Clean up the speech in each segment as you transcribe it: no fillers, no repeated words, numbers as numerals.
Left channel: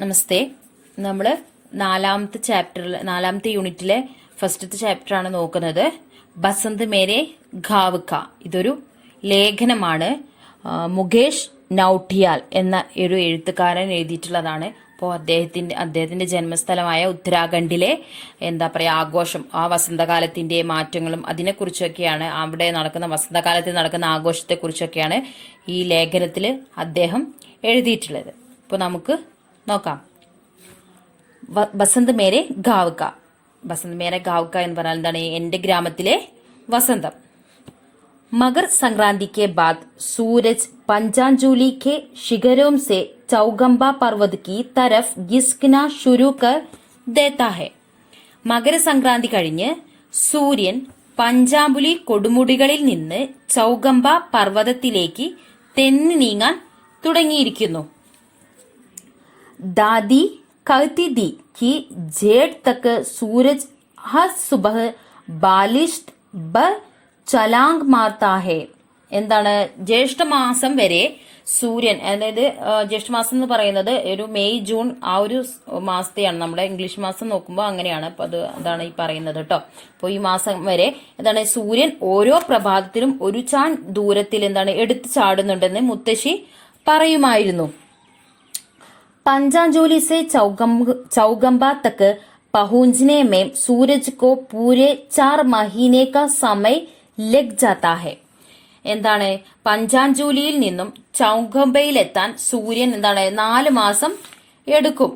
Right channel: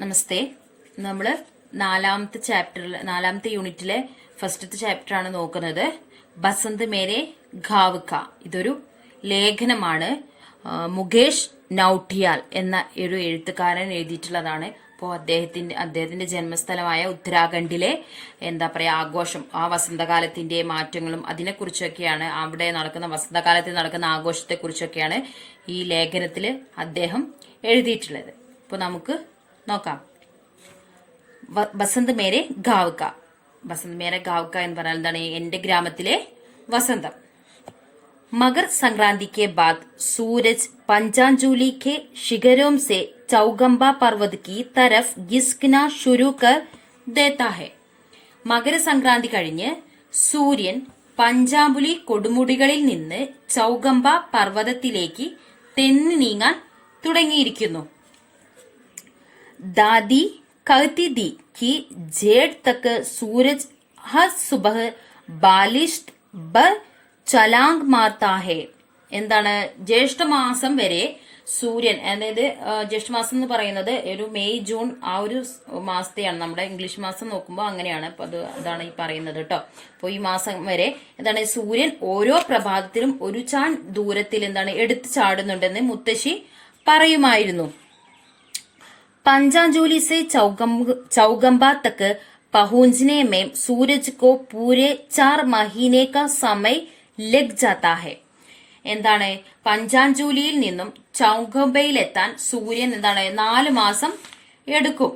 നമസ്തേ. നമ്മൾ നാലാമത്തെ യൂണിറ്റിലെ ഫസ്റ്റത്തെ ചാപ്റ്ററാണ് നോക്കുന്നത്. ബസന്ത് മേരെ ഘാവ് കാ. ഇതൊരു ലേഖനമാണ്. മുകേഷ് നൌട്ടിയാൽ എന്ന ഒരു എഴുത്തുകാരൻ എഴുതിയിട്ടുള്ളതാണ്. അപ്പോൾ അദ്ദേഹത്തിന്റെ ജന്മസ്ഥലമായ ഉത്തരാഖണ്ഡിലെ ആഘോഷം, ആ വസന്തകാലത്തിന്റെ മാറ്റങ്ങളും അതിനെക്കുറിച്ചൊക്കെയാണ്, അവിടെ നടക്കുന്ന വസന്തകാലത്തിൽ നടക്കുന്ന ആഘോഷത്തെക്കുറിച്ചൊക്കെയാണ് ഈ ലേഖനത്തിൽ അദ്ദേഹം എഴുതിയിട്ടുള്ളത്. അപ്പോൾ നമുക്ക് നോക്കാം. ബസന്ത് മേരെ ഗാവ് കാ. ബസന്ത് മേരെ ഗാവ് കാ എന്ന് പറഞ്ഞാൽ എന്താണ്? എന്റെ ഗ്രാമത്തിലെ വസന്തം. मकर संक्रांति के बाद सूरज पंचांजुली के शिखरों से चौगंबा पर्वत की तरफ गिस्कना शुरू कर देता है. മകരസംക്രാന്തി കഴിഞ്ഞ് സൂര്യൻ പഞ്ചാമ്പുലി കൊടുമുടികളിൽ നിന്ന് ചൗഗംബ പർവ്വതത്തിലേക്ക് തെന്നി നീങ്ങാൻ തുടങ്ങിയിരിക്കുന്നു. दादी कहती थी कि जेठ तक सूरज हर सुबह बालिश पर ചലാങ് മാർത്താ ഹേ. എന്താണ്? ജ്യേഷ്ഠമാസം വരെ സൂര്യൻ, അതായത് ജ്യേഷ്ഠമാസം എന്ന് പറയുന്നത് ഒരു മെയ് ജൂൺ ആ ഒരു മാസത്തെയാണ്. നമ്മുടെ ഇംഗ്ലീഷ് മാസം നോക്കുമ്പോൾ അങ്ങനെയാണ്. അപ്പൊ അതാണ് ഈ പറയുന്നത് കേട്ടോ. അപ്പോൾ ഈ മാസം വരെ എന്താണ്, സൂര്യൻ ഓരോ പ്രഭാതത്തിലും ഒരു ചാൺ ദൂരത്തിൽ എടുത്തു ചാടുന്നുണ്ടെന്ന് മുത്തശ്ശി പറയുമായിരുന്നു. पंचांजुली से चौगंबा तक पहुंचने में सूरज को पूरे 4 महीने का समय लग जाता है. എന്താണ്? പഞ്ചാഞ്ചൂലിയിൽ നിന്നും ചൗഗംബയിലെത്താൻ സൂര്യൻ 4 മാസം എടുക്കും.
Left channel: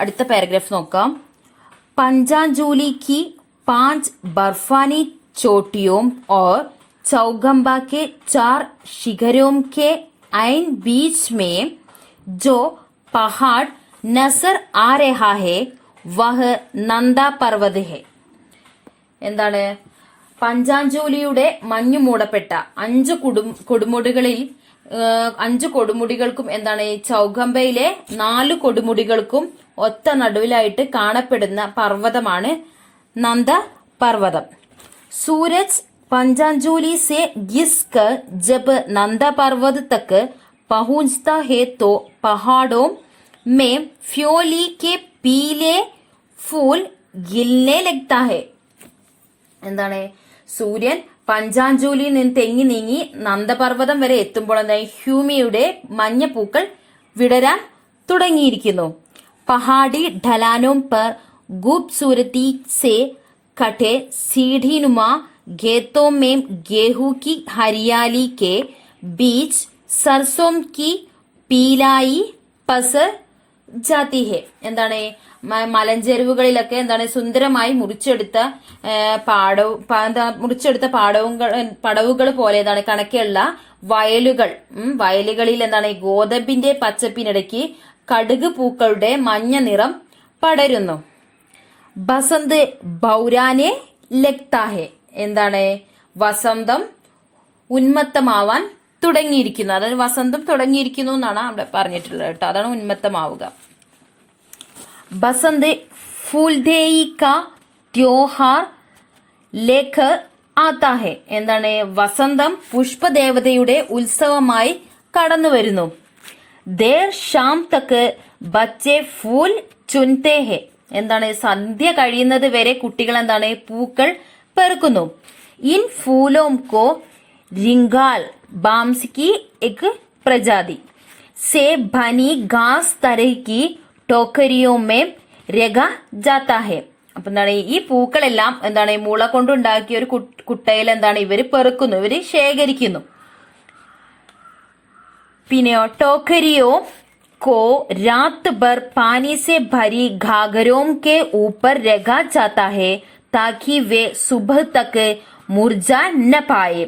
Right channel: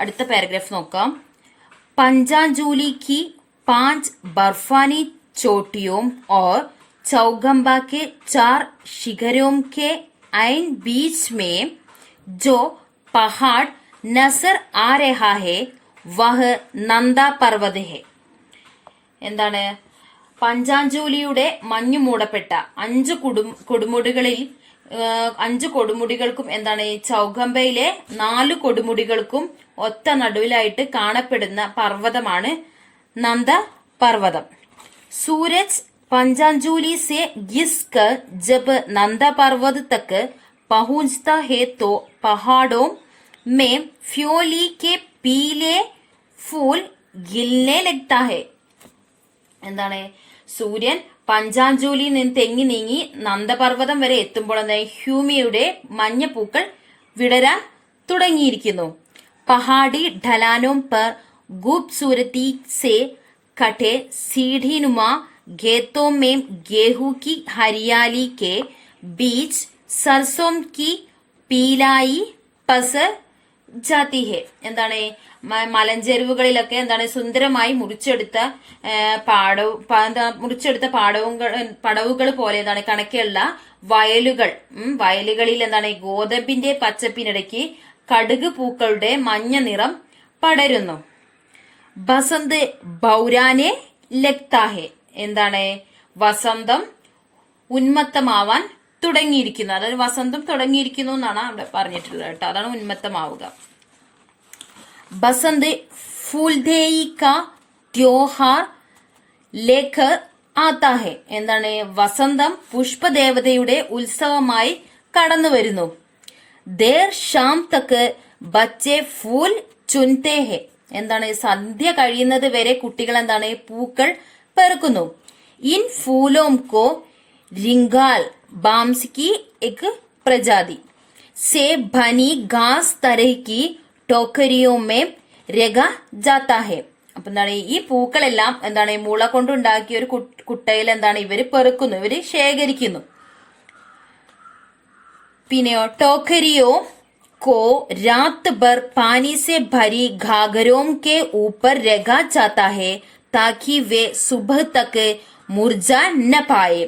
അടുത്ത പാരഗ്രാഫ് നോക്കാം. पंचांजुली की 5 बर्फानी चोटियों और चौगंबा के 4 शिखरों के ऐन बीच में जो पहाड़ नजर आ रहा है वह नंदा पर्वत है. എന്താണ്? പഞ്ചാഞ്ചൂലിയുടെ മഞ്ഞു മൂടപ്പെട്ട 5 കൊടുമുടികൾക്കും ചൗഗംബയിലെ 4 കൊടുമുടികൾക്കും ഒത്ത നടുവിലായിട്ട് കാണപ്പെടുന്ന പർവ്വതമാണ് നന്ദ പർവ്വതം. സൂരജ് पंचांजुली से घिसकर जब नंदा पर्वत तक पहुंचता है तो पहाड़ों में फ्योली के पीले फूल गिलने लगता है. എന്താണ്? സൂര്യൻ പഞ്ചാഞ്ചൂലിയിൽ നിന്ന് തെങ്ങി നീങ്ങി നന്ദപർവ്വതം വരെ എത്തുമ്പോൾ ഹ്യൂമിയുടെ മഞ്ഞപ്പൂക്കൾ വിടരാൻ തുടങ്ങിയിരിക്കുന്നു. പഹാടി ढलानों पर खूबसूरती से कटे सीढ़ीनुमा खेतों में गेहूं की हरियाली के बीच सरसों की पीलाई पसर जाती है. എന്താണ്? മലഞ്ചെരുവുകളിലൊക്കെ സുന്ദരമായി മുറിച്ചെടുത്ത പടവുകൾ പോലെ കണക്കെയുള്ള വയലുകളിൽ ഗോതമ്പിന്റെ പച്ചപ്പിനിടയ്ക്ക് കടുക് പൂക്കളുടെ മഞ്ഞ നിറം പടരുന്നു. ബസന്ത് ബൗരാനെ ലഗ്താ ഹെ. എന്താണ്? വസന്തം ഉന്മത്തമാവാൻ തുടങ്ങിയിരിക്കുന്നു. അതായത് വസന്തം തുടങ്ങിയിരിക്കുന്നു എന്നാണ് അവിടെ പറഞ്ഞിട്ടുള്ളത് കേട്ടോ. അതാണ് ഉന്മത്തമാവുക. ബസന്ത് ഫൂൽദേയി കാ ത്യോഹാർ ലേഖർ ആത്താ ഹെ. എന്താണ്? വസന്തം പുഷ്പദേവതയുടെ ഉത്സവമായി കടന്നു വരുന്നു. ദേർ ഷാം തക്ക് ബച്ചെ ഫൂൽ ചുൻതേ ഹെ. എന്താണ്? സന്ധ്യ കഴിയുന്നത് വരെ കുട്ടികൾ പൂക്കൾ പെറുക്കുന്നു. ഇൻ ഫൂലോം കോ റിംഗാൽ बांस की एक प्रजाति से बनी घास तरह की टोकरियों में रगा जाता है. അപ്പൊ ഈ പൂക്കളെല്ലാം മുള കൊണ്ടുണ്ടാക്കിയ ഒരു കുട്ടയിൽ ഇവര് പെറുക്കുന്നു, ഇവര് ശേഖരിക്കുന്നു. പിന്നെയോ ടോക്കരിയോ को रात भर पानी से भरी घाघरों के ऊपर रगा जाता है ताकि वे सुबह तक മുർജ ന പായെ.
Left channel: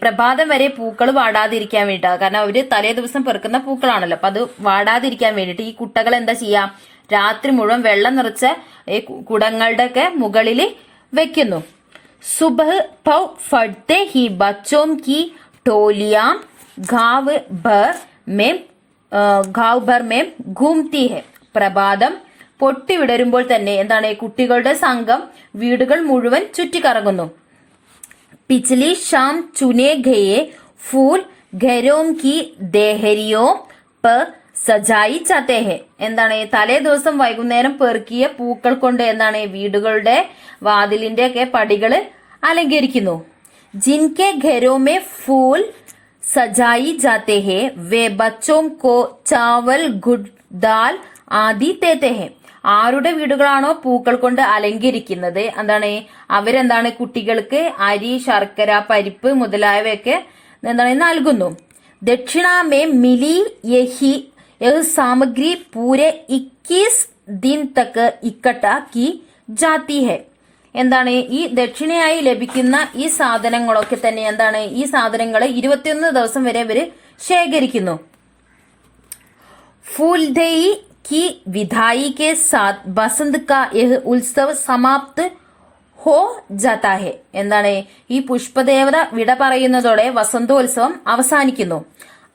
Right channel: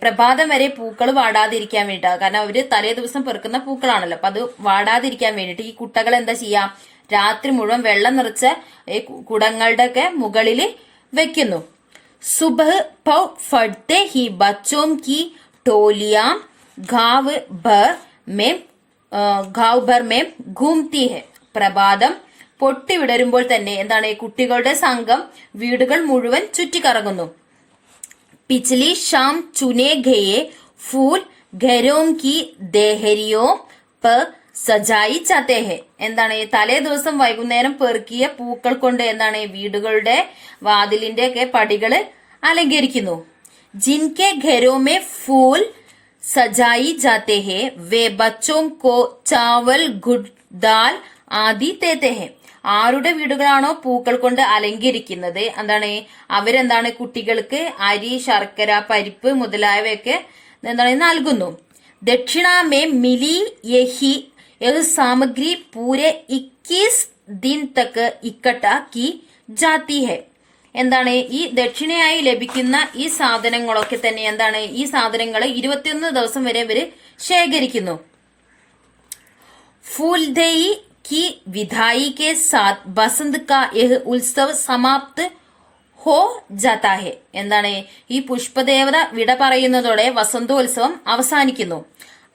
പ്രഭാതം വരെ പൂക്കൾ വാടാതിരിക്കാൻ വേണ്ടിയിട്ടാണ്. കാരണം അവര് തലേ ദിവസം പെറുക്കുന്ന പൂക്കളാണല്ലോ. അപ്പൊ അത് വാടാതിരിക്കാൻ വേണ്ടിയിട്ട് ഈ കുട്ടകൾ എന്താ ചെയ്യാം? രാത്രി മുഴുവൻ വെള്ളം നിറച്ച കുടങ്ങളുടെ ഒക്കെ മുകളിൽ വെക്കുന്നു. സുബഹ് പൗ ഫഡ്തെ ഹി ബച്ചോം കി ടോലിയാ ഗാവ് ഭർ മേം ഘൂംതി ഹെ. പ്രഭാതം പൊട്ടി വിടരുമ്പോൾ തന്നെ കുട്ടികളുടെ സംഘം വീടുകൾ മുഴുവൻ ചുറ്റിക്കറങ്ങുന്നു. पिछली शाम चुने गए फूल घरों की देहरियों पर സജായി ചാത്തേ ഹെ. എന്താണ് തലേ ദിവസം വൈകുന്നേരം പെറുക്കിയ പൂക്കൾ കൊണ്ട് എന്താണ് വീടുകളുടെ വാതിലിന്റെ ഒക്കെ പടികള് അലങ്കരിക്കുന്നു. ജിൻകെ ഘരോ മേ ഫൂൽ സജായി ജാത്തെ ഹെ വേ ബച്ചോം കോ ചാവൽ ഗുഡ് ദാൽ ആദി തേത്തെ ഹെ. ആരുടെ വീടുകളാണോ പൂക്കൾ കൊണ്ട് അലങ്കരിക്കുന്നത് എന്താണ് അവരെന്താണ് കുട്ടികൾക്ക് അരി, ശർക്കര, പരിപ്പ് മുതലായവയൊക്കെ എന്താണ് നൽകുന്നു. ദക്ഷിണ മേ മിലി യഹി यह सामग्री पूरे 21 दिन तक इकट्ठा की जाती है. എന്താണ് ഈ ദക്ഷിണയായി ലഭിക്കുന്ന ഈ സാധനങ്ങളൊക്കെ തന്നെ എന്താണ് ഈ സാധനങ്ങളെ 21 ദിവസം വരെ ഇവര് ശേഖരിക്കുന്നു. फूलदेई की विदाई के साथ बसंत का यह उत्सव समाप्त ഹോ ജാതാ ഹെ. എന്താണ് ഈ പുഷ്പദേവത വിട പറയുന്നതോടെ വസന്തോത്സവം അവസാനിക്കുന്നു.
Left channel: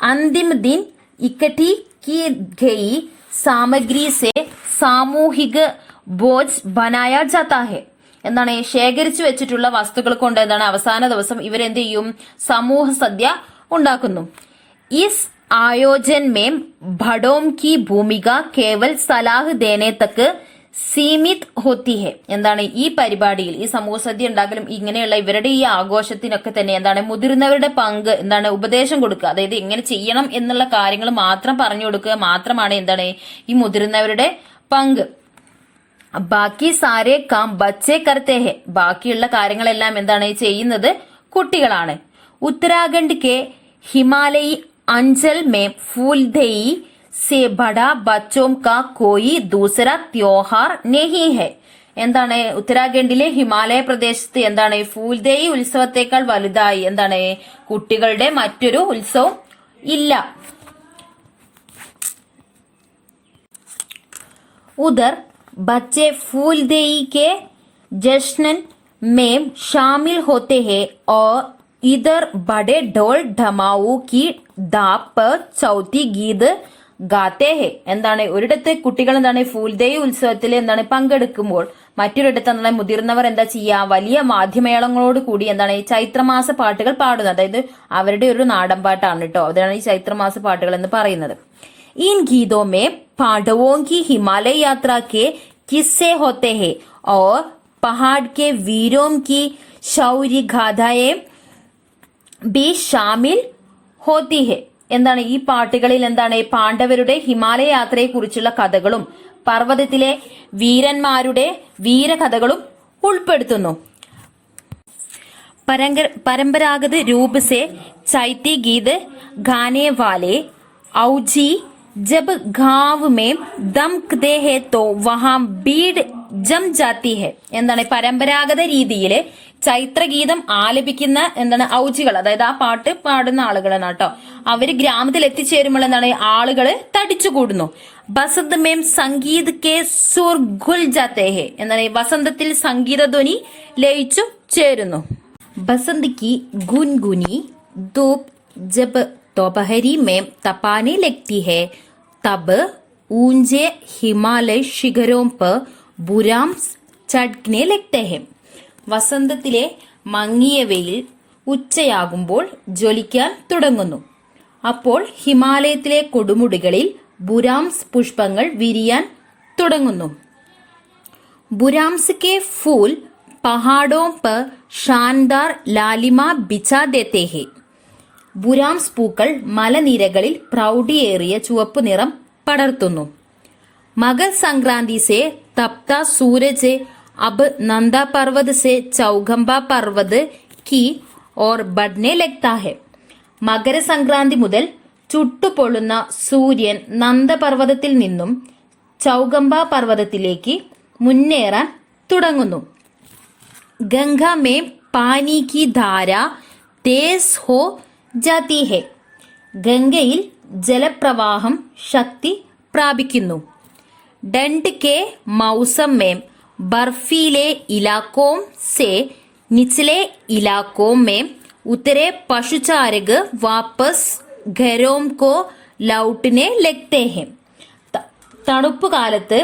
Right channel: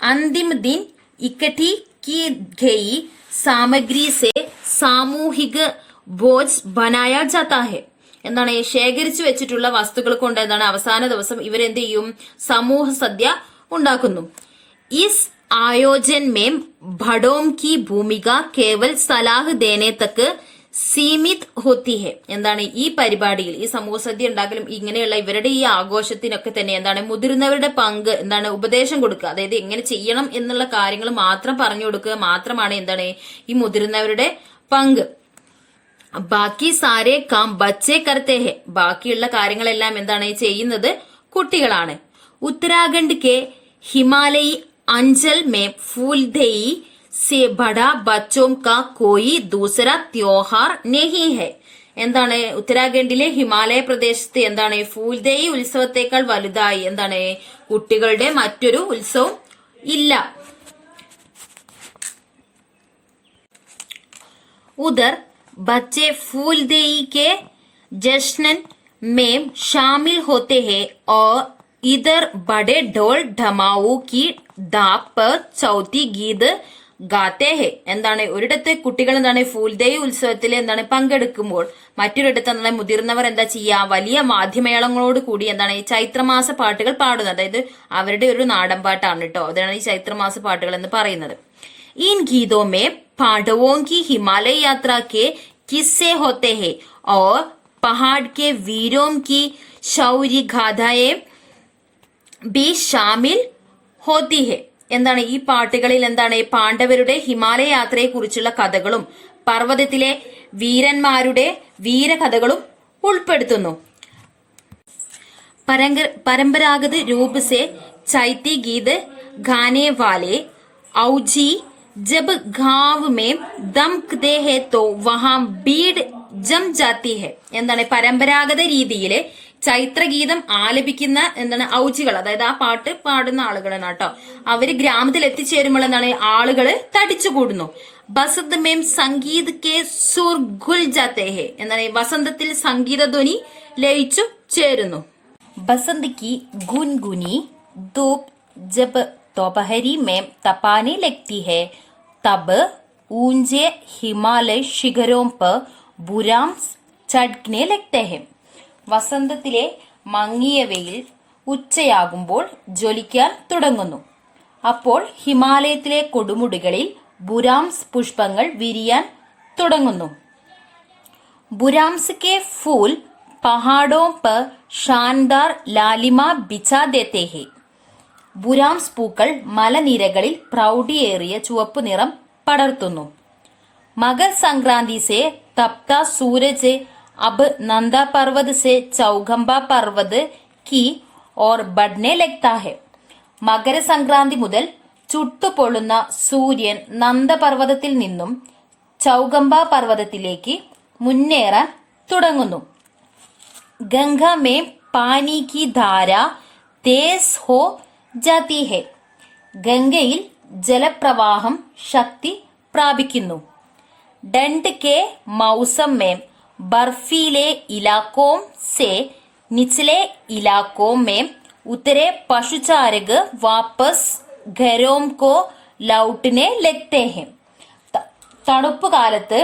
അന്തിമ ദിൻ ഇക്കട്ടി की गई सामग्री से സാമൂഹിക ഭോജ് ബനായാ ജാതാ ഹെ. എന്താണ് ശേഖരിച്ചു വെച്ചിട്ടുള്ള വസ്തുക്കൾ കൊണ്ട് എന്താണ് അവസാന ദിവസം ഇവരെന്ത് ചെയ്യും സമൂഹ സദ്യ ഉണ്ടാക്കുന്നു. ഇസ് ആയോജൻ മേം ഭടോം കി ഭൂമിക കേവൽ സലാഹ് ദേനെ തക്ക് സീമിത് ഹോത്തി ഹെ. എന്താണ് ഈ പരിപാടിയിൽ ഈ സമൂഹ സദ്യ ഉണ്ടാക്കലും ഇങ്ങനെയുള്ള ഇവരുടെ ഈ ആഘോഷത്തിനൊക്കെ തന്നെ എന്താണ് മുതിർന്നവരുടെ പങ്ക് എന്താണ് ഉപദേശം കൊടുക്കുക, അതായത് എങ്ങനെ ചെയ്യണം എന്നുള്ള കാര്യങ്ങൾ മാത്രം പറഞ്ഞു കൊടുക്കുക മാത്രമാണ് എന്താണ് ഈ മുതിർന്നവരുടെ പങ്ക്. ബാക്കി സാരേ കാം ബച്ചേ കർത്തേ ഹെ. ബാക്കിയുള്ള കാര്യങ്ങളെല്ലാം എന്താണ് ചെയ്യുന്നത് കുട്ടികളാണ്. ഉത്തരാഖണ്ഡ് കെ ഹിമാലയി അഞ്ചൽ മേ ഫൂൽദേയി से बड़ा बच्चों का कोई दूसरा त्योहार नहीं है. എന്താണ് ഉത്തരാഖണ്ഡിലെ ഹിമാലയ പ്രദേശത്ത് എന്താണ് ഫൂൽദേയി ഉത്സവത്തെക്കാൾ വലുതായി എന്താണ് കുട്ടികളുടെ മറ്റൊരു ഉത്സവം ഇല്ല. उधर बच्चे फूलदेई के जश्न में शामिल होते हैं और इधर बड़े ढोल ढमाऊ की दाप पर चौथी गीत ഗാത്തേ ഹെ. എന്താണ് ഒരിടത്ത് കുട്ടികൾ എന്താണ് ഫൂൽദേയി ഉത്സവത്തിൽ എന്താണ് പങ്കെടുക്കുമ്പോൾ മറ്റൊരിടത്ത് എന്താണ് മുതിർന്നവർ എന്താ ചെയ്യുക വലിയ വാദ്യമേളങ്ങളോട് കൂടി എന്താണ് ഈ ചൈത്രമാസ പാട്ടുകൾ പാടുന്നത്. അതായത് അവരുടെ ഒരു നാടൻ പാട്ടാണ് കേട്ടോ, അതാണ് ഈ ചൈത്രമാസ പാട്ടുകൾ എന്ന് പറയുന്നത്. इन गीतों में पांडवों की हिमालय यात्रा के किस्से होते हैं और पहाड़ के वीरों की शौर्य गाथाएं भी शामिल होती है. എന്താണ് ഈ പാട്ടുകളിൽ എന്താണ് പാണ്ഡവരുടെ ഹിമാലയ യാത്രയെ കുറിച്ചുള്ള കഥകളും പർവ്വതത്തിലെ വീരന്മാരുടെ വീരകഥകളും ഉൾപ്പെടുത്തുന്നു. परंपरागत रूप से चैती गीत गाने वाले औजी जब गांव में दमकते हैं तो वहां भीड़ जम जाती है. എന്താണ് പരമ്പരാഗത രീതിയിൽ ചൈത്രഗീതം ആലപിക്കുന്ന എന്താണ് ഔജികൾ, അതായത് ആ പാട്ട് പാടുന്ന ആളുകളാണ് കേട്ടോ. അവര് ഗ്രാമത്തിൽ എത്തിച്ചേരുമ്പോൾ എന്താണ് ആളുകള് തടിച്ചുകൂടുന്നു. ബസന്ത് മേം സംഗീത് കെ സുർ ഖുൽ ജാത്തേ ഹെ. എന്താണ് വസന്തത്തിൽ സംഗീതധ്വനി ലയിച്ചു ചേരുന്നു. बसंत की गुनगुनी धूप जब दोपहरी में तपाने लगती है तब ऊंचे हिमालय शिखरों पर बुराम चढ़ने लगते हैं. വസന്തത്തിലെ മങ്ങിയ വെയിൽ ഉച്ചയാകുമ്പോൾ ജ്വലിക്കാൻ തുടങ്ങുന്നു. അപ്പോൾ ഹിമാലയത്തിലെ കൊടുമുടികളിൽ ബുരാംസ് പുഷ്പങ്ങൾ വിരിയാൻ തുടങ്ങുന്നു. ബുരാംസ് കെ ഫൂൽ पहाड़ों पर शानदार लालिमा बिछा देते हैं. ബുരാംസ് പൂക്കൾ മലനിരകളിൽ പ്രൗഢിയേറിയ ചുവപ്പ് നിറം പടർത്തുന്നു. മകർ സംക്രാന്തി സെ തപ്ത സൂരജ് अब नंदा पर्वत से चौगंबा पर्वत की ओर बढ़ने लगता है. മകരസംക്രാന്തി മുതൽ ചുട്ടുപൊള്ളുന്ന സൂര്യൻ നന്ദപർവ്വതത്തിൽ നിന്നും ചൗഗംബ പർവ്വതത്തിലേക്ക് മുന്നേറാൻ തുടങ്ങുന്നു. ഗംഗ മേ പാനി കി ധാര തേസ് ഹോ ജാതി ഹെ. ഗംഗയിൽ ജലപ്രവാഹം ശക്തി പ്രാപിക്കുന്നു. ഡണ്ട് കെ മൗസം മേ बर्फीले इलाकों से निचले इलाकों में उतरे पशुचारक वापस घरों को लौटने लगते हैं. തണുപ്പ് കാലത്ത്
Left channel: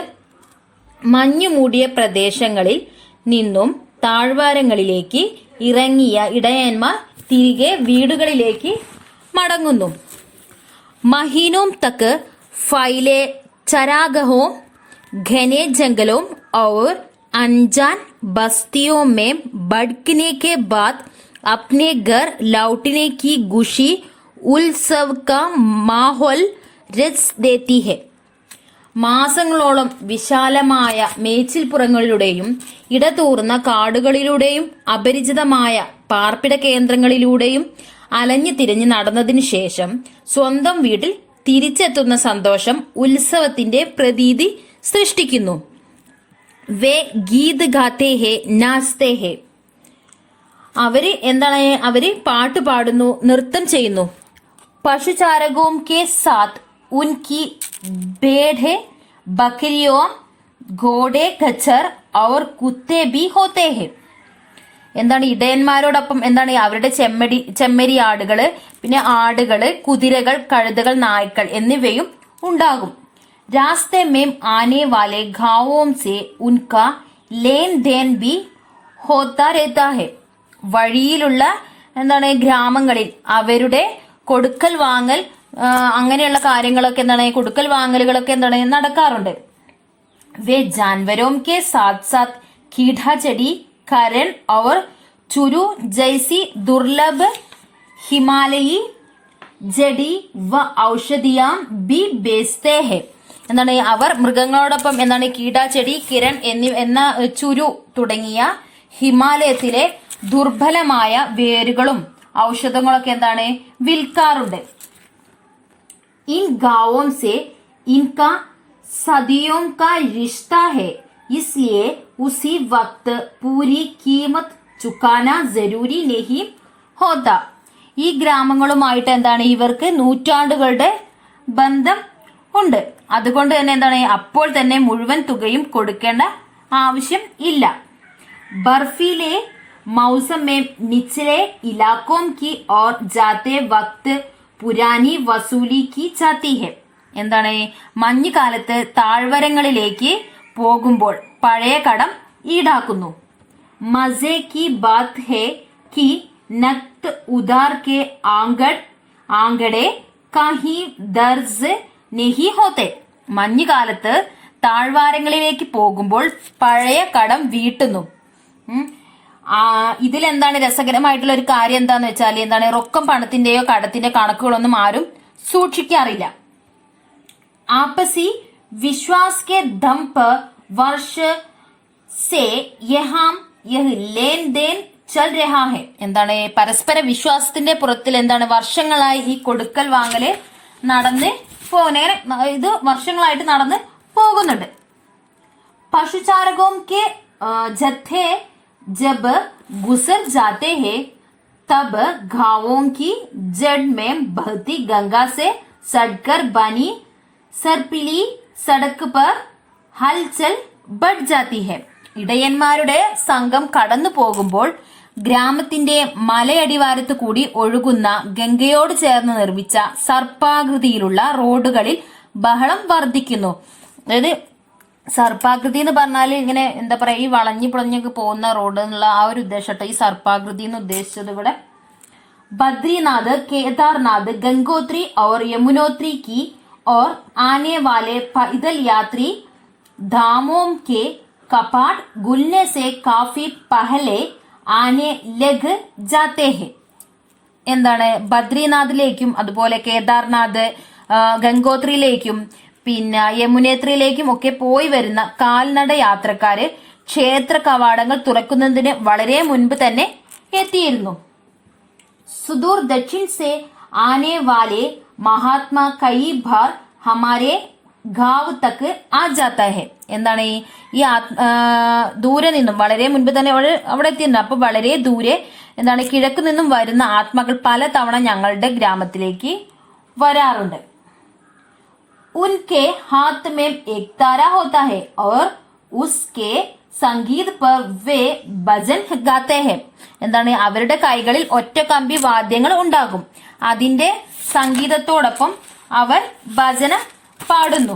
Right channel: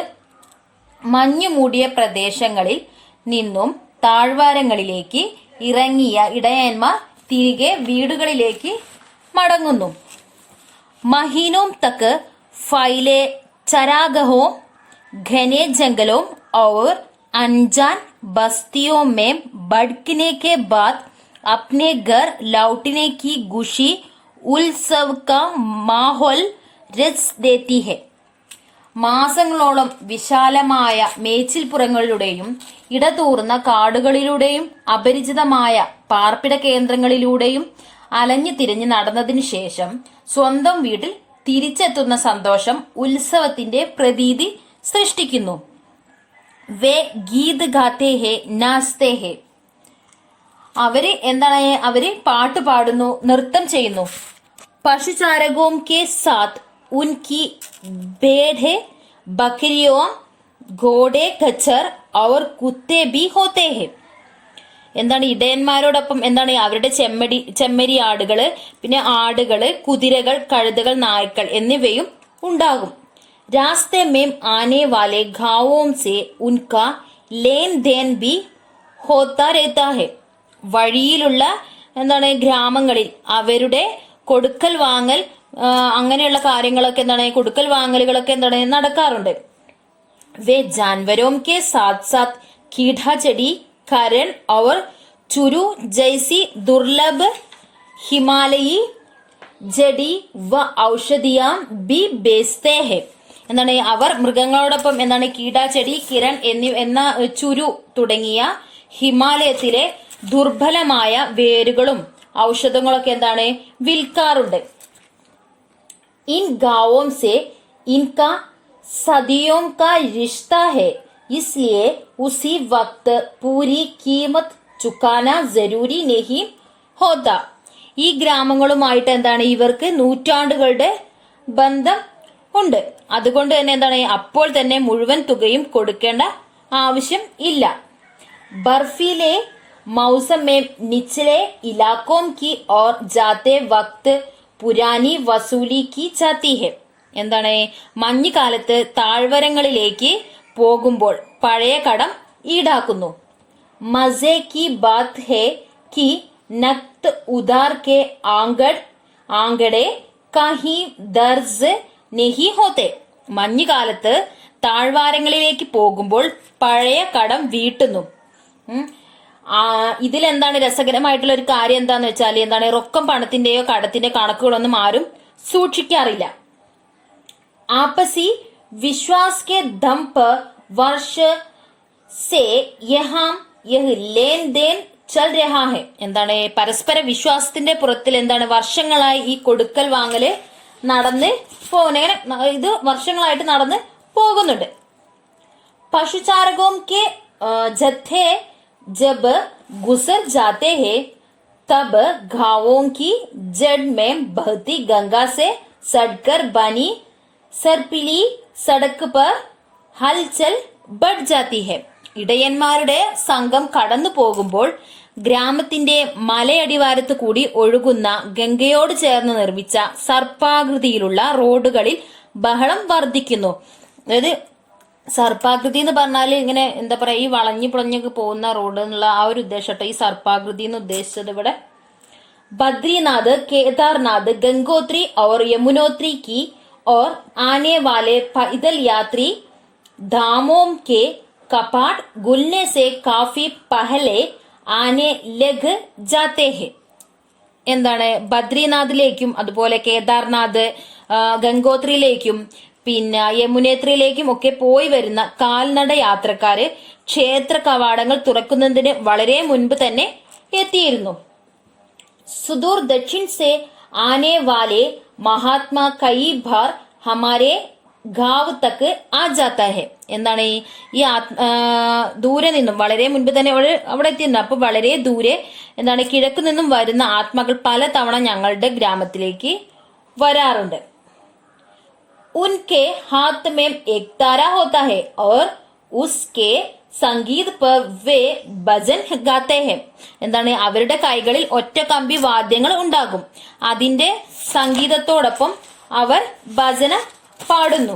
മഞ്ഞു മൂടിയ പ്രദേശങ്ങളിൽ നിന്നും താഴ്വാരങ്ങളിലേക്ക് ഇറങ്ങിയ ഇടയന്മാർ തിരികെ വീടുകളിലേക്ക് മടങ്ങുന്നു. മഹീനോം തക്ക് फैले चरागाहों, घने जंगलों और अनजान बस्तियों में भटकने के बाद अपने घर लौटने की खुशी उत्सव का माहौल रच देती है. മാസങ്ങളോളം വിശാലമായ മേച്ചിൽപ്പുറങ്ങളിലൂടെയും ഇടതൂർന്ന കാടുകളിലൂടെയും അപരിചിതമായ പാർപ്പിട കേന്ദ്രങ്ങളിലൂടെയും അലഞ്ഞു തിരിഞ്ഞ് നടന്നതിനു ശേഷം സ്വന്തം വീട്ടിൽ തിരിച്ചെത്തുന്ന സന്തോഷം ഉത്സവത്തിന്റെ പ്രതീതി സൃഷ്ടിക്കുന്നു. വേ ഗീത് ഗാത്തെ ഹേ നാസ്തേ ഹേ. അവര് പാട്ട് പാടുന്നു, നൃത്തം ചെയ്യുന്നു. പശുചാരകോം കെ സാത്ത് ഉൻകി भेड़ बकरियों घोड़े खच्चर और कुत्ते भी होते हैं. എന്താണ് ഇടയന്മാരോടൊപ്പം എന്താണ് അവരുടെ ചെമ്മരി ആടുകള്, പിന്നെ ആടുകള്, കുതിരകൾ, കഴുതകൾ, നായ്ക്കൾ എന്നിവയും ഉണ്ടാകും. രാസ്തെ മേം ആനെ വാലെ ഗാവോം സെ ഉൻകാ ലേൻ ദേൻ ബി ഹോത്താ രഹതാ ഹെ. വഴിയിലുള്ള എന്താണ് ഗ്രാമങ്ങളിൽ അവരുടെ കൊടുക്കൽ വാങ്ങൽ, അങ്ങനെയുള്ള കാര്യങ്ങളൊക്കെ എന്താണ് കൊടുക്കൽ വാങ്ങലുകളൊക്കെ എന്താണ് നടക്കാറുണ്ട്. വേ ജാൻവരോം കെ സാത്ത് സാത്ത് കീഠ ചെടി കരൺ और चुरू जैसी दुर्लभ हिमालयी जड़ी व औषधियां भी बेचते हैं. എന്താണ് അവർ മൃഗങ്ങളോടൊപ്പം എന്താണ് കീടാച്ചെടി, കിരൺ എന്ന ചുരു തുടങ്ങിയ ഹിമാലയത്തിലെ ദുർബലമായ വേരുകളും ഔഷധങ്ങളൊക്കെ എന്താണ് വിൽക്കാറുണ്ട്. इन गांवों से इनका सदियों का रिश्ता है, इसलिए उसी वक्त पूरी कीमत चुकाना जरूरी नहीं होता. ഈ ഗ്രാമങ്ങളുമായിട്ട് എന്താണ് ഇവർക്ക് നൂറ്റാണ്ടുകളുടെ ബന്ധം ഉണ്ട്. അതുകൊണ്ട് തന്നെ എന്താണ് അപ്പോൾ തന്നെ മുഴുവൻ തുകയും കൊടുക്കേണ്ട ആവശ്യം ഇല്ല. ബർഫിലെ मौसम में निचले इलाकों की ओर जाते वक्त പുരാനി വസൂലി കി ചാത്തി ഹെ. എന്താണ് മഞ്ഞുകാലത്ത് താഴ്വരങ്ങളിലേക്ക് പോകുമ്പോൾ പഴയ കടം ഈടാക്കുന്നു. മസേ കി ബാത് ഹെ കി നക്ത് ഉദാർ കെ ആങ്കടെ കഹി ദർസ് നെഹി ഹോത്തെ. മഞ്ഞുകാലത്ത് താഴ്വാരങ്ങളിലേക്ക് പോകുമ്പോൾ പഴയ കടം വീട്ടുന്നു. ഇതിലെന്താണ് രസകരമായിട്ടുള്ള ഒരു കാര്യം എന്താന്ന് വെച്ചാൽ എന്താണ് റൊക്കം പണത്തിന്റെയോ കടത്തിന്റെ കണക്കുകളൊന്നും ആരും സൂക്ഷിക്കാറില്ല. ആപ്പസി വിശ്വാസ് കെ ദം പർ വർഷ സേ യഹാം യഹ് ലേൻ ദേൻ ചൽ രഹാ ഹെ. എന്താണ് പരസ്പര വിശ്വാസത്തിന്റെ പുറത്തിൽ എന്താണ് വർഷങ്ങളായി ഈ കൊടുക്കൽ വാങ്ങല് നടന്ന് ഇത് വർഷങ്ങളായിട്ട് നടന്ന് പോകുന്നുണ്ട്. പശുചാരകോം കെ ജഥേ जब गुजर जाते हैं तब घावों की जड़ में बहती गंगा से सड़कर बनी സർപ്പിലി സടക്ക് പർ ഹൽചൽ ബഡ് ജാത്തി ഹെ. ഇടയന്മാരുടെ സംഘം കടന്നു പോകുമ്പോൾ ഗ്രാമത്തിന്റെ മലയടിവാരത്ത് കൂടി ഒഴുകുന്ന ഗംഗയോട് ചേർന്ന് നിർമ്മിച്ച സർപ്പാകൃതിയിലുള്ള റോഡുകളിൽ ബഹളം വർദ്ധിക്കുന്നു. അതായത് സർപ്പാകൃതി എന്ന് പറഞ്ഞാൽ ഇങ്ങനെ എന്താ പറയാ ഈ വളഞ്ഞു പുളഞ്ഞൊക്കെ പോകുന്ന റോഡ് എന്നുള്ള ആ ഒരു ഉദ്ദേശം ഈ സർപ്പാകൃതി എന്ന് ഉദ്ദേശിച്ചത് ഇവിടെ. बद्रीनाथ, केदारनाथ, गंगोत्री और यमुनोत्री की और आने वाले पैदल यात्री धामों के कपाट खुलने से काफी पहले आने लग जाते हैं. എന്താണ് ബദ്രീനാഥിലേക്കും അതുപോലെ കേദാർനാഥ്, ഗംഗോത്രിയിലേക്കും പിന്നെ യമുനേത്രിയിലേക്കും ഒക്കെ പോയി വരുന്ന കാൽനട യാത്രക്കാര് ക്ഷേത്ര കവാടങ്ങൾ തുറക്കുന്നതിന് വളരെ മുൻപ് തന്നെ എത്തിയിരുന്നു. सुदूर दक्षिण से आने वाले महात्मा कई बार हमारे गांव तक आ जाता है. എന്താണ് ഈ ദൂരെ നിന്നും വളരെ മുൻപ് തന്നെ അവിടെ എത്തിയിരുന്നു. അപ്പൊ വളരെ ദൂരെ എന്താണ് കിഴക്ക് നിന്നും വരുന്ന ആത്മാക്കൾ പല തവണ ഞങ്ങളുടെ ഗ്രാമത്തിലേക്ക് വരാറുണ്ട്. उनके हाथ में एक तारा होता है और उसके സംഗീത് പർ വേ ഭജൻ ഗാത്തെ ഹെ. എന്താണ് അവരുടെ കൈകളിൽ ഒറ്റ കമ്പി വാദ്യങ്ങൾ ഉണ്ടാകും. അതിന്റെ സംഗീതത്തോടൊപ്പം അവർ ഭജന പാടുന്നു.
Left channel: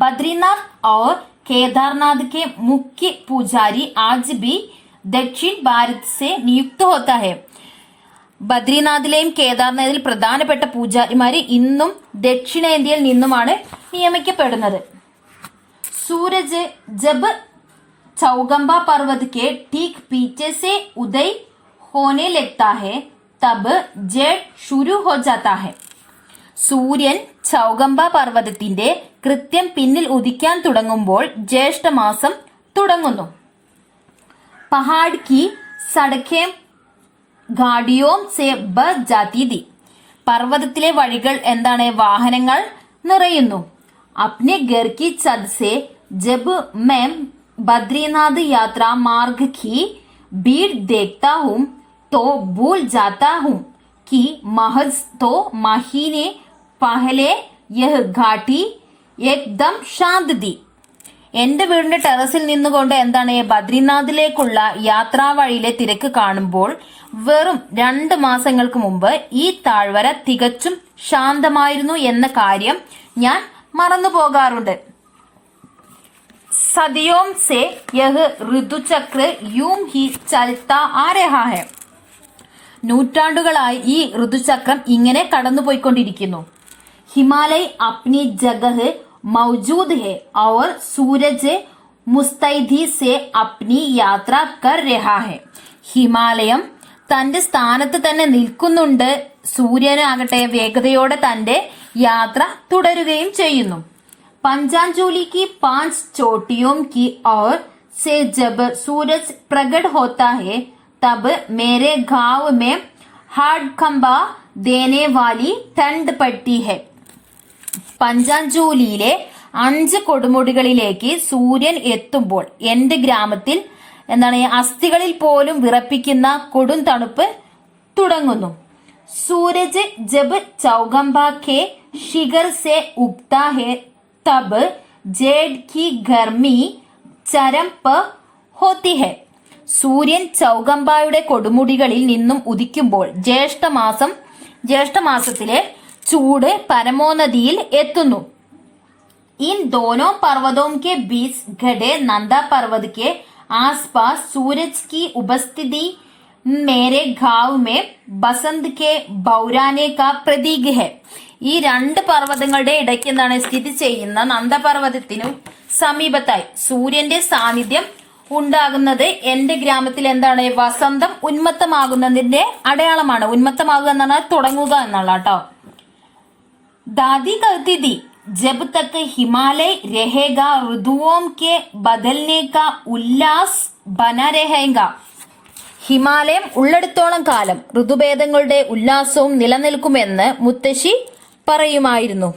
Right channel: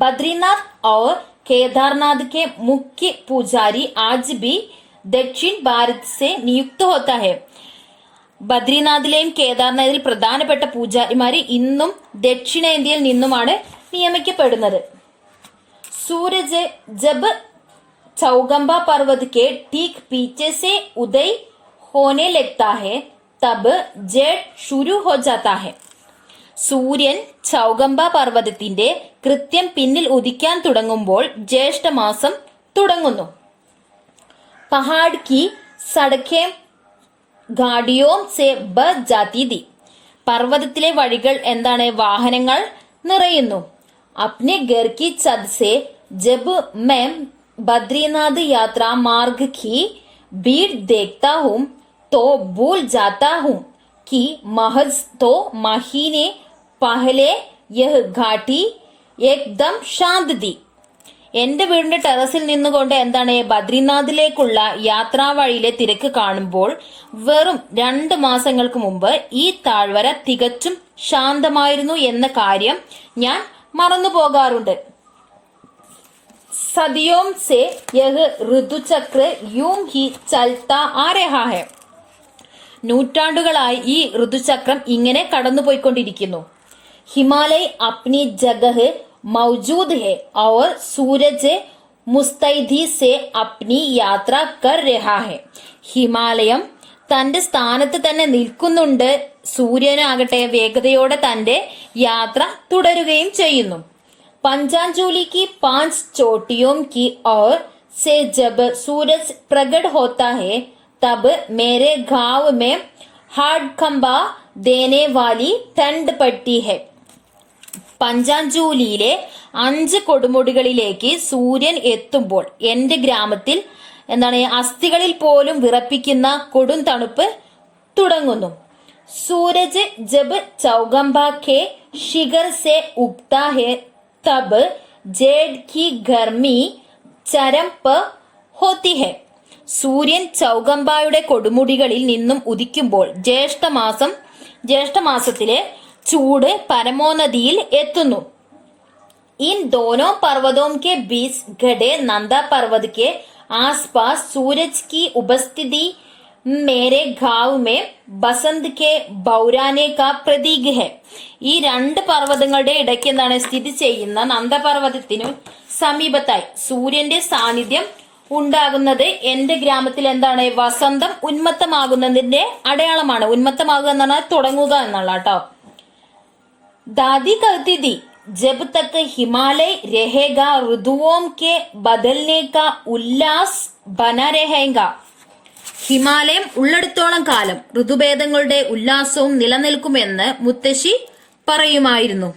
ബദ്രീനാഥ് और केदारनाथ के मुख्य पुजारी आज भी दक्षिण भारत से नियुक्त होता है. ബദ്രിനാഥിലെയും കേദാർനാഥിൽ പ്രധാനപ്പെട്ട പൂജാരിമാര് ഇന്നും ദക്ഷിണേന്ത്യയിൽ നിന്നുമാണ് നിയമിക്കപ്പെടുന്നത്. സൂരജ് ജബ് चौगंबा पर्वत के ठीक पीछे से उदय होने लगता है तब जेठ शुरू हो जाता है. സൂര്യൻ ചൗഗംബ പർവ്വതത്തിന്റെ കൃത്യം പിന്നിൽ ഉദിക്കാൻ തുടങ്ങുമ്പോൾ ജ്യേഷ്ഠമാസം തുടങ്ങുന്നു. പഹാഡ് കി സടക്കേ ഗാഡിയോം സെ ബസ് ജാതി ദി. പർവ്വതത്തിലെ വഴികൾ എന്താണ്? വാഹനങ്ങൾ നിറയുന്നു. അപ്നെ ഘർ കി ഛത് സെ ജബ് मैं बद्रीनाथ यात्रा मार्ग की भीड़ देखता हूँ तो भूल जाता हूँ कि महज तो महीने पहले यह घाटी एकदम शांत थी. എന്റെ വീടിന്റെ ടെറസിൽ നിന്നുകൊണ്ട് എന്താണ് ബദ്രിനാഥിലേക്കുള്ള യാത്രാ വഴിയിലെ തിരക്ക് കാണുമ്പോൾ വെറും 2 മാസങ്ങൾക്ക് മുമ്പ് ഈ താഴ്വര തികച്ചും ശാന്തമായിരുന്നു എന്ന കാര്യം ഞാൻ മറന്നു പോകാറുണ്ട്. सदियों से यह ഋതുചക്ര यूं ही चलता आ रहा है. നൂറ്റാണ്ടുകളായി ഈ ഋതുചക്രം ഇങ്ങനെ കടന്നുപോയിക്കൊണ്ടിരിക്കുന്നു. ഹിമാലയ अपनी जगह मौजूद है और सूरज मुस्तैदी से अपनी यात्रा कर रहा है. ഹിമാലയം തന്റെ സ്ഥാനത്ത് തന്നെ നിൽക്കുന്നുണ്ട്. സൂര്യനാകട്ടെ വേഗതയോടെ തന്റെ യാത്ര തുടരുകയും ചെയ്യുന്നു. पंचांजलि की 5 चोटियों की ओर से जब सूरज प्रकट होता है तब मेरे गांव में हाड़कंबा देने वाली ठंड पड़ती है. പഞ്ചാഞ്ചൂലിയിലെ 5 കൊടുമുടികളിലേക്ക് സൂര്യൻ എത്തുമ്പോൾ എന്റെ ഗ്രാമത്തിൽ എന്താണ് അസ്ഥികളിൽ പോലും വിറപ്പിക്കുന്ന കൊടും തണുപ്പ് തുടങ്ങുന്നു. സൂരജ് ജബ് ചൗഗംബ കെ ശിഖർ സെ ഉഗ്താ ഹെ तब जेठ की गर्मी चरम पर होती है. സൂര്യൻ ചൗഗംബായുടെ കൊടുമുടികളിൽ നിന്നും ഉദിക്കുമ്പോൾ ജ്യേഷ്ഠമാസത്തിലെ ചൂട് പരമോന്നതിയിൽ എത്തുന്നു. इन दोनों पर्वतों के बीच गढ़े नंदा पर्वत के आसपास सूरज की उपस्थिति मेरे गांव में बसंत के बौराने का प्रतीक है. ഈ 2 പർവ്വതങ്ങളുടെ ഇടയ്ക്ക് എന്താണ് സ്ഥിതി ചെയ്യുന്ന നന്ദപർവ്വതത്തിനു സമീപത്തായി സൂര്യന്റെ സാന്നിധ്യം ഉണ്ടാകുന്നത് എന്റെ ഗ്രാമത്തിൽ എന്താണ് വസന്തം ഉന്മത്തമാകുന്നതിന്റെ അടയാളമാണ്. ഉന്മത്തമാകുക എന്ന് പറഞ്ഞാൽ തുടങ്ങുക എന്നുള്ള കേട്ടോ. ദാദി कहती थी जब तक हिमालय रहेगा ऋतुओं के बदलने का उल्लास बना रहेगा. ഹിമാലയം ഉള്ളിടത്തോളം കാലം ഋതുഭേദങ്ങളുടെ ഉല്ലാസവും നിലനിൽക്കുമെന്ന് മുത്തശ്ശി പറയുമായിരുന്നു.